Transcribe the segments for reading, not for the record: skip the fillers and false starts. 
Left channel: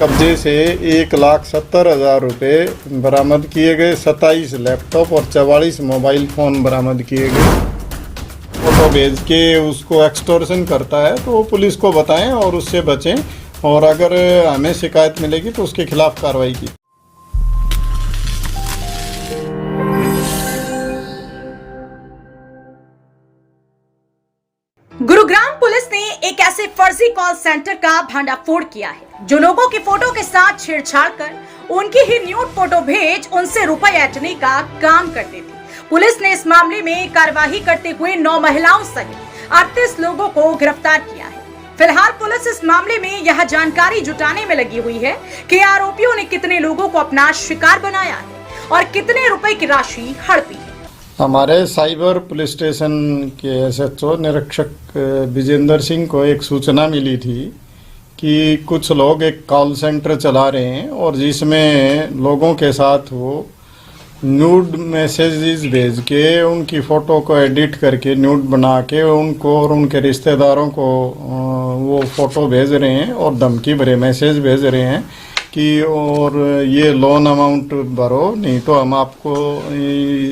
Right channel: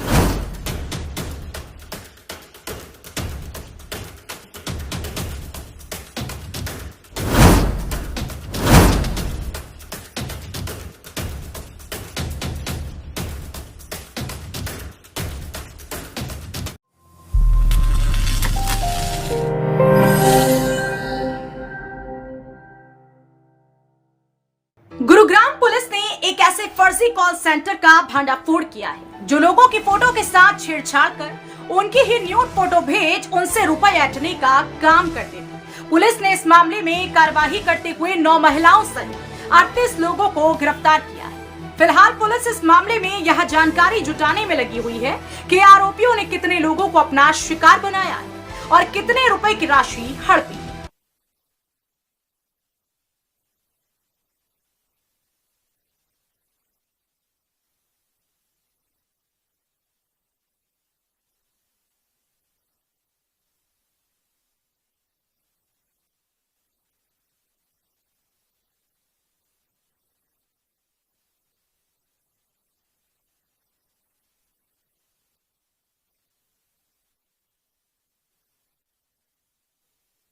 कब्जे से 1,70,000 रुपये बरामद किए गए, 27 लैपटॉप और 44 मोबाइल फ़ोन बरामद किए गए। फोटो भेज के उसको एक्सटॉर्शन करता है तो वो पुलिस को बताएं और उससे बचें, और अगर हमें शिकायत मिलेगी तो उसके खिलाफ कार्रवाई की। गुरुग्राम पुलिस ने एक ऐसे फर्जी कॉल सेंटर का भंडाफोड़ किया है जो लोगों की फोटो के साथ छेड़छाड़ कर उनकी ही न्यूड फोटो भेज उनसे रुपए ऐंठने का काम करते थे। पुलिस ने इस मामले में कार्यवाही करते हुए 9 महिलाओं सहित 38 लोगों को गिरफ्तार किया है। फिलहाल पुलिस इस मामले में यह जानकारी जुटाने में लगी हुई है कि आरोपियों ने कितने लोगों को अपना शिकार बनाया है और कितने रुपए की राशि हड़पी है। हमारे साइबर पुलिस स्टेशन के एसएचओ निरीक्षक विजेंद्र सिंह को एक सूचना मिली थी कि कुछ लोग एक कॉल सेंटर चला रहे हैं और जिसमें लोगों के साथ वो न्यूड मैसेजेस भेज के उनकी फ़ोटो को एडिट करके न्यूड बना के उनको और उनके रिश्तेदारों को वो फ़ोटो भेज रहे हैं और धमकी भरे मैसेज भेज रहे हैं कि और ये लोन अमाउंट भरो, नहीं तो हम आपको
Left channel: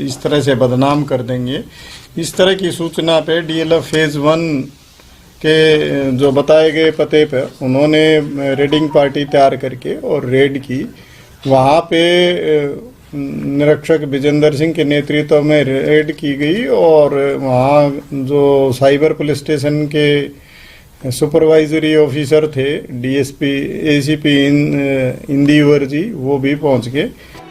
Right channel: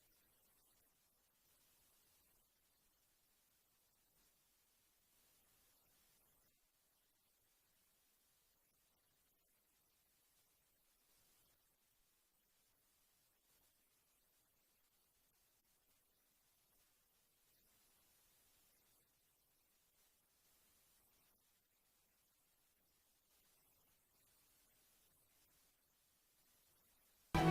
इस तरह से बदनाम कर देंगे। इस तरह की सूचना पे डीएलएफ फेज़ 1 के जो बताए गए पते पर उन्होंने रेडिंग पार्टी तैयार करके और रेड की। वहाँ पे निरीक्षक विजेंद्र सिंह के नेतृत्व में रेड की गई और वहाँ जो साइबर पुलिस स्टेशन के सुपरवाइजरी ऑफिसर थे डीएसपी एसीपी इंदिवर जी, वो भी पहुंच गए।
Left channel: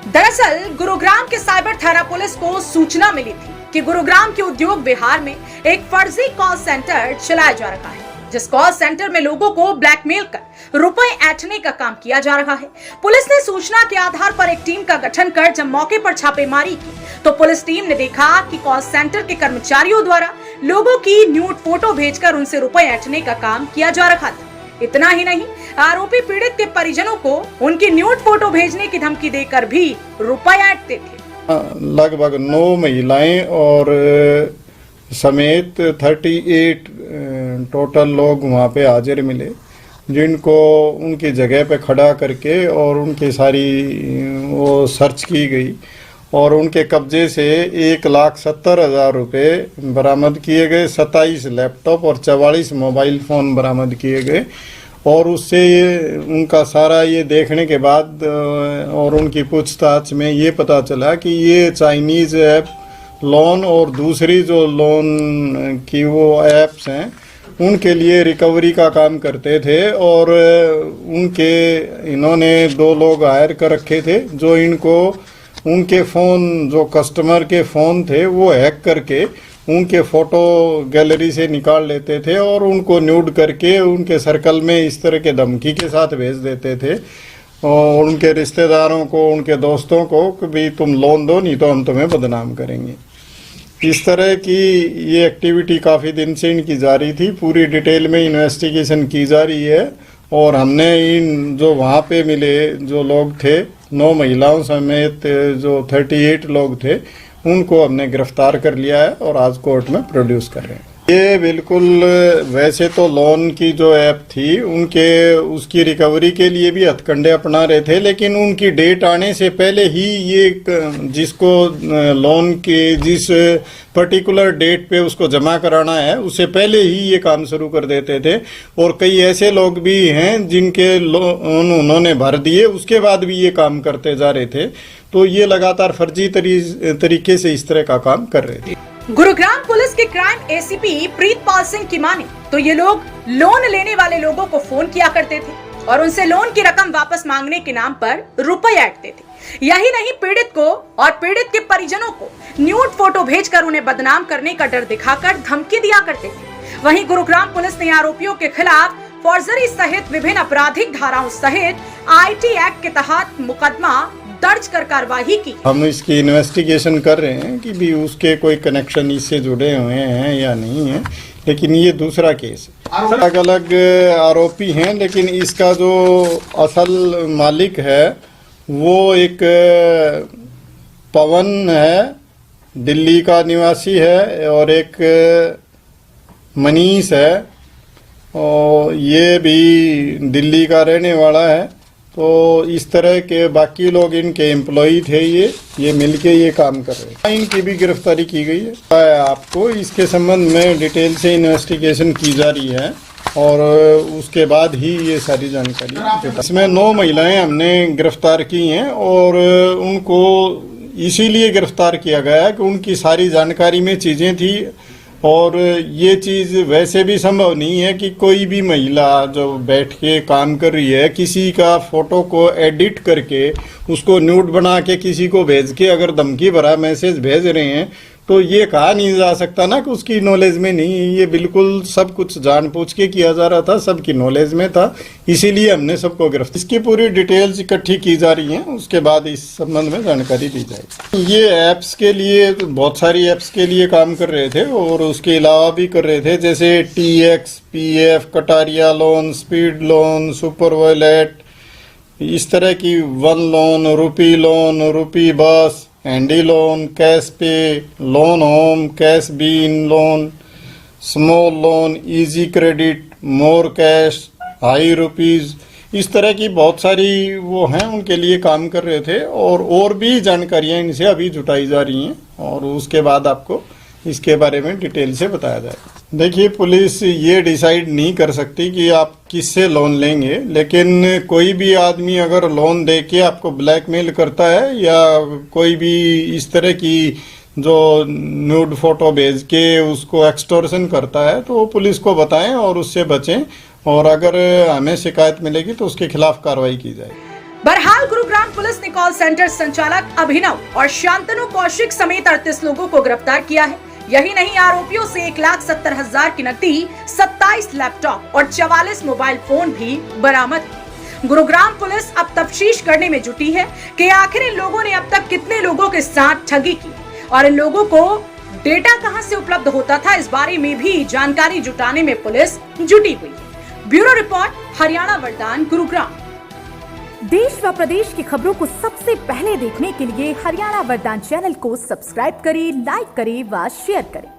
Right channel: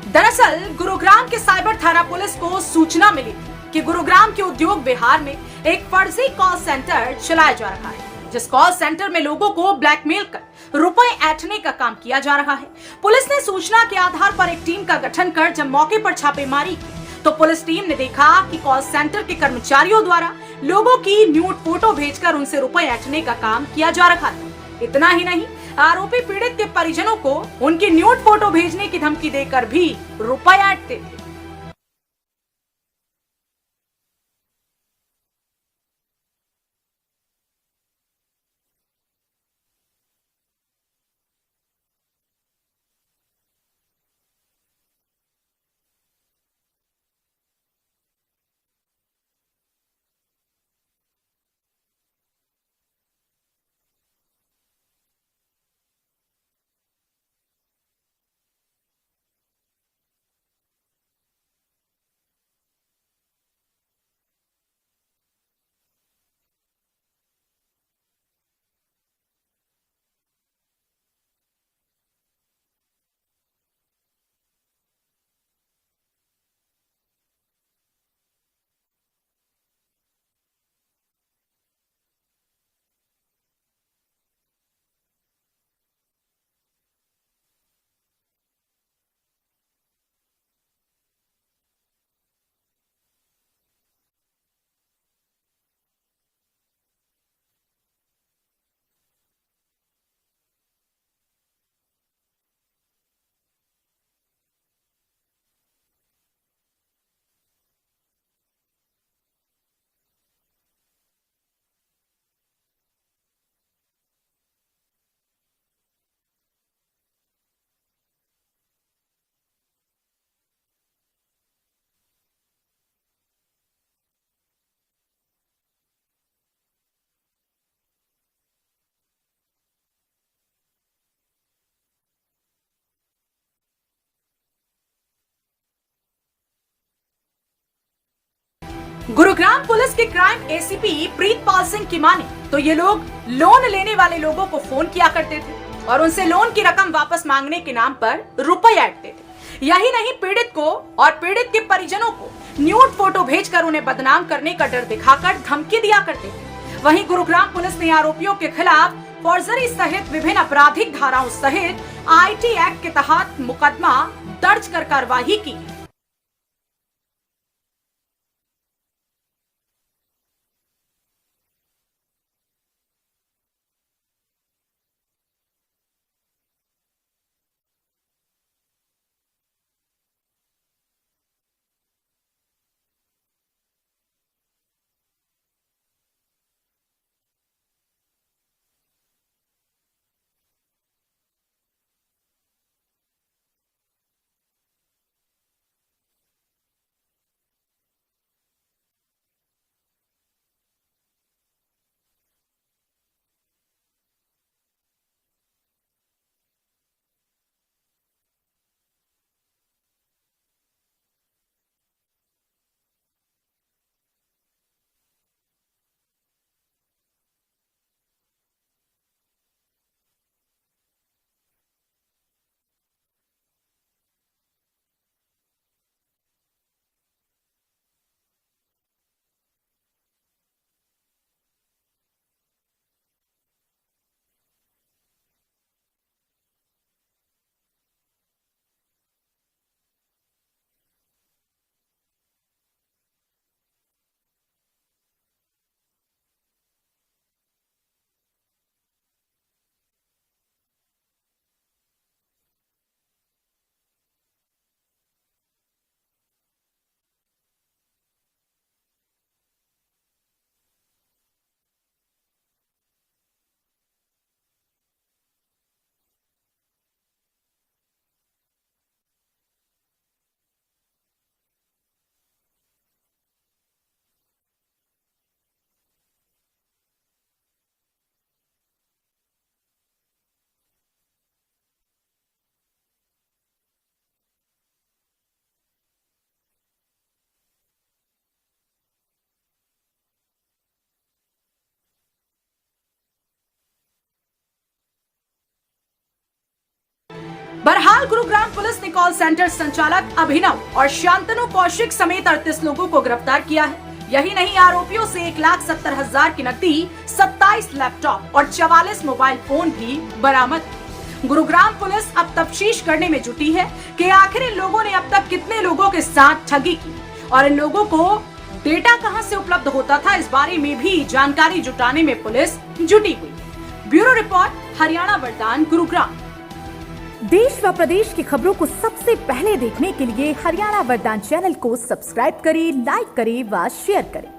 दरअसल गुरुग्राम के साइबर थाना पुलिस को सूचना मिली थी कि गुरुग्राम के उद्योग विहार में एक फर्जी कॉल सेंटर चलाया जा रहा है, जिस कॉल सेंटर में लोगों को ब्लैकमेल कर रुपए ऐंठने का काम किया जा रहा है। पुलिस ने सूचना के आधार पर एक टीम का गठन कर जब मौके पर छापेमारी की तो पुलिस टीम ने देखा कि कॉल सेंटर के कर्मचारियों द्वारा लोगों की न्यूड फोटो भेजकर उनसे रुपए ऐंठने का काम किया जा रहा था। इतना ही नहीं, आरोपी पीड़ित के परिजनों को उनकी न्यूड फोटो भेजने की धमकी देकर भी रुपए ऐंठते थे। लगभग 9 महिलाएं और समेत 38 टोटल लोग वहाँ पे हाजिर मिले, जिनको उनकी जगह पे खड़ा करके और उनकी सारी वो सर्च की गई और उनके कब्जे से 1,70,000 रुपये बरामद किए गए, 27 लैपटॉप और 44 मोबाइल फ़ोन बरामद किए गए। और उससे ये उनका सारा ये देखने के बाद और उनकी पूछताछ में ये पता चला कि ये चाइनीज़ ऐप लोन और दूसरी जो लोन की वो ऐप्स हैं उनके लिए रिकवरी का काम करते थे और उनके इन्होंने 2 लोग हायर कर रखे थे जो इनको उनके फ़ोन जो कस्टमर के फ़ोन थे वो हैक करके उनके फ़ोटो गैलरी से निकाल लेते थे और उनको न्यूड करके उनके सर्कल में इस तरह के धमकी के साथ भेज देते थे और उनके रिश्तेदारों को, उनके दोस्तों को कि भाई तुम लोन दो, नहीं तो हम तुम्हें बदनाम करेंगे। इस तरह की ये एक्टिविटी काफ़ी दिन से इनकी जारी थी। पूरी डिटेल में इन्वेस्टिगेशन की जा रही है और हमने इन जो वहाँ पे मिले जो लोग थे 9 महिलाओं समेत जो 38 लोग थे उनको हमने गिरफ्तार कर लिया है और आज कोर्ट में प्रोड्यूस कर रहे हैं। ये बिल्कुल वैसे तो लोन की जो ऐप थी उनके उसकी रिकवरी के लिए भी हथकंडे अपना रहे थे, लेकिन उनकी डेट आने से पहले ही ये जिसको लोन के जिस पर्टिकुलर डेट पे उसको जमा कराना है उससे पहले ही ये काम शुरू कर देते थे। और कई ऐसे लोग भी हैं जिनके लोन उन्होंने भर दिए उसके बाद भी ये काम करते जा रहे थे। तो ये लगातार फर्जी तरीके से इस तरह का काम कर रहे थे। गुरुग्राम पुलिस के क्राइम एसीपी प्रीतपाल सिंह की माने तो ये लोग लोन लेने वाले लोगों को फोन किया करते थे और उनसे लोन की रकम वापस मांगने के नाम पर रुपए ऐंठते थे। यही नहीं, पीड़ित को और पीड़ित के परिजनों को न्यूड फोटो भेजकर उन्हें बदनाम करने का डर दिखाकर धमकी दिया करते थे। वहीं गुरुग्राम पुलिस ने आरोपियों के खिलाफ फौजदारी सहित विभिन्न आपराधिक धाराओं सहित आईटी एक्ट के तहत मुकदमा दर्ज कर कार्रवाई की। हम इसकी इन्वेस्टिगेशन कर रहे हैं कि भी उसके कोई कनेक्शन इससे जुड़े हुए हैं या नहीं है, लेकिन ये दूसरा केस है। अलग अलग आरोपी हैं, लेकिन इसका जो असल मालिक है वो एक पवन है, दिल्ली का निवासी है, और एक मनीष है और ये भी दिल्ली का रहने वाला है। तो इस तरह के बाकी लोग इनके एम्प्लॉई थे, ये मिलके ये काम कर रहे हैं। इनकी भी गिरफ्तारी की गई है। आपको इसके संबंध में डिटेल से इन्वेस्टिगेशन की जा रही है और उसके बाद ही ये सारी जानकारी। इसमें 9 महिलाएं हमने गिरफ्तार की हैं और उनको इसीलिए गिरफ्तार किया गया है कि उनकी सारी जानकारी में चीज़ें थी और ये चीज़ वैसे भी संभव नहीं है कि कोई भी महिला जो बैठ के काम कर रही है किसी का फोटो को एडिट करके उसको न्यूड बना के किसी को भेज के अगर धमकी भरा मैसेज भेज रहे हैं तो ये कहा नहीं जा सकता ना कि उसकी नॉलेज में नहीं। ये बिल्कुल सब कुछ जानबूझ के किया जा रहा था, सबकी नॉलेज में था, इसीलिए हमने सबको गिरफ्तार। इसकी पूरी डिटेल्स इकट्ठी की जा रही हैं, उसके बाद इस संबंध में जानकारी दी जाएगी। ये ऐप्स के लिए, बहुत सारी ऐप्स के लिए काम कर रहे थे और उसके अलावा भी कर रहे थे, जैसे TX, PF, Kataria loan, speed loan, super wallet, इस तरह की one loan, rupee bus, handy loan, cash pay, loan home, cash bean loan, small loan, easy credit, more cash, high rupees, इस तरह की बहुत सारी वो हैं, उनके लिए काम कर रहे थे और भी जानकारियां इनसे अभी जुटाई जा रही हैं और उसके बाद आपको इसके बारे में डिटेल से बताया जाएगा। देखिए, पुलिस ये डिसाइड नहीं कर सकती कि आप किससे लोन लेंगे, लेकिन कोई भी आदमी अगर लोन दे के आपको ब्लैकमेल करता है या कोई भी इस तरह की जो न्यूड फोटो भेज के उसको एक्सटॉर्शन करता है तो पुलिस को बताएं और उससे बचें और अगर हमें शिकायत मिलेगी तो उसके खिलाफ कार्रवाई की जाएगी। बहरहाल गुरुग्राम पुलिस ने कॉल सेंटर संचालक अभिनव और शांतनु कौशिक समेत 38 लोगों को गिरफ्तार किया है। यही नहीं, आरोपियों से 1,70,000 की नकदी, 27 लैपटॉप और 44 मोबाइल फोन भी बरामद किए। गुरुग्राम पुलिस अब तफ्तीश करने में जुटी है कि आखिर इन लोगों ने अब तक कितने लोगों के साथ ठगी की और इन लोगों को डेटा कहां से उपलब्ध होता था, इस बारे में भी जानकारी जुटाने में पुलिस जुटी हुई है। ब्यूरो रिपोर्ट, हरियाणा वरदान, गुरुग्राम। देश व प्रदेश की खबरों को सबसे पहले देखने के लिए हरियाणा वरदान चैनल को सब्सक्राइब करें, लाइक करें व शेयर करें।